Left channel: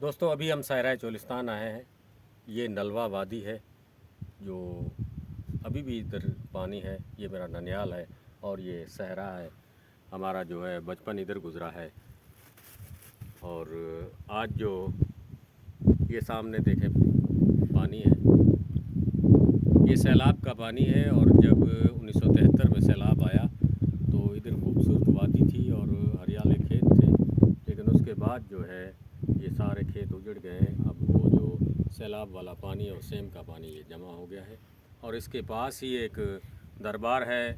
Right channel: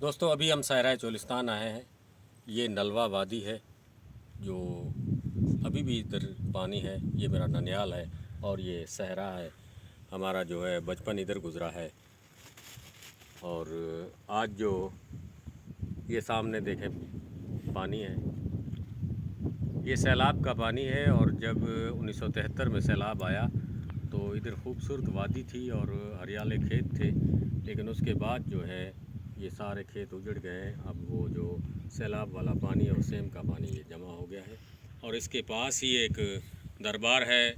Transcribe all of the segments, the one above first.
دوستو ابھی ہم صحرائے چولستان آئے ہیں. یہ نلوا وادی ہے جو ابھی بھی ادھر پانی ہے. یہ میرا ننیال ہے اور یہ صحرا ہے. ہمارا جو ہے بچپن ادھر گزرا ہے. اور آج جو یہ سامنے دیکھیں پانی ہے، یہ سیلاب کا پانی ہے. اور جب 1973 میں سیلاب آیا تو ادھر خوبصورت وادی تھی اور ہریالے کھیت تھے، لیکن اس کے بعد جو ہے یہ سارے کھیت اجڑ گئے. اب وہ جو سیلاب والا پانی اور سیم کا پانی یہ جمع ہو گیا ہے. اور اس کے پاس ہی ایک دربار ہے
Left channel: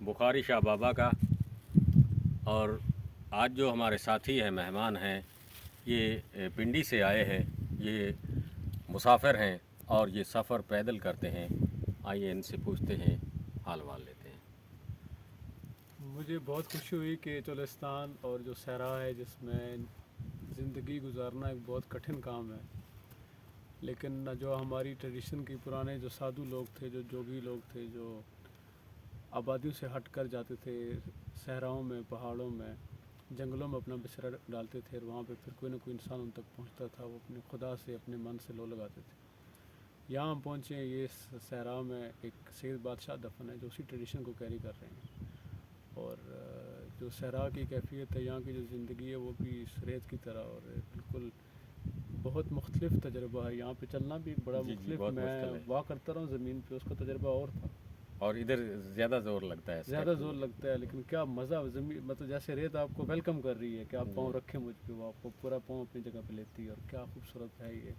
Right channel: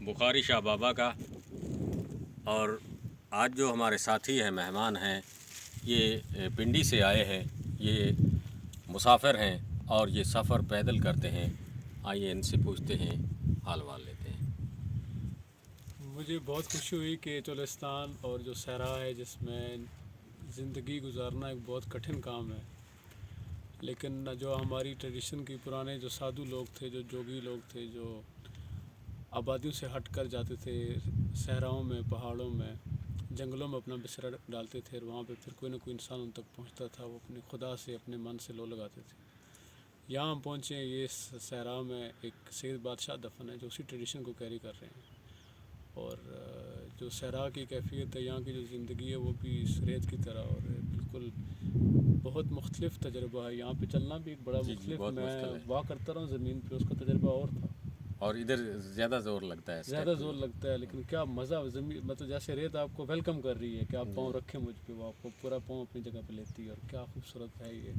بخاری شاہ بابا کا. اور آج جو ہمارے ساتھی ہیں، مہمان ہیں، یہ پنڈی سے آئے ہیں. یہ مسافر ہیں اور یہ سفر پیدل کرتے ہیں. آئیے ان سے پوچھتے ہیں، حال وال لیتے ہیں. مجھے بہت خوشی ہوئی کہ چولستان اور جو صحرا ہے جس میں زندگی گزارنا ایک بہت کٹھن کام ہے، لیکن جو ہماری ٹریڈیشن کی پرانے جو سادھو لوگ تھے، جو جوگی لوگ تھے، جو آبادیوں سے ہٹ کر جاتے تھے صحراؤں میں، پہاڑوں میں، جنگلوں میں اپنا بسرا ڈالتے تھے، اور وہاں پہ پھر کوئی نہ کوئی انسان ان تک پہنچتا تھا. وہ اپنے خدا سے، اپنے من سے لو لگاتے تھے. یہاں ہم پہنچے ہیں، یہ صحرا میں ایک سید بادشاہ دفن ہے جو اسی ٹریڈیشن کو کیری کر رہے ہیں. اور جو صحرا کی کیفیت ہے، یہاں کی جو زندگی ہے وہ بھی اس ریت کی طرح، اور بالکل بہت مختلف تجربہ ہے. یہاں پہ چلنا بھی ایک بڑا جی جی، مختلف، بہت میں مشکل ہے واک کرتا رہا ہوں زمین پہ، اس کا تجربہ اور تھا. اور ادھر زیادہ زور لگتا ہے زیادہ اسٹیپ. زور لگتا ہے، لیکن کیا مزہ زمین، مطلب جیسے ریت آپ کو ویلکم کر رہی ہے کہ آپ پاؤں رکھیں مجھ پہ، وہ آپ کو پورا پاؤں اپنی جگہ پہ لیتی ہے. اور کیا خوبصورت ہے یہ.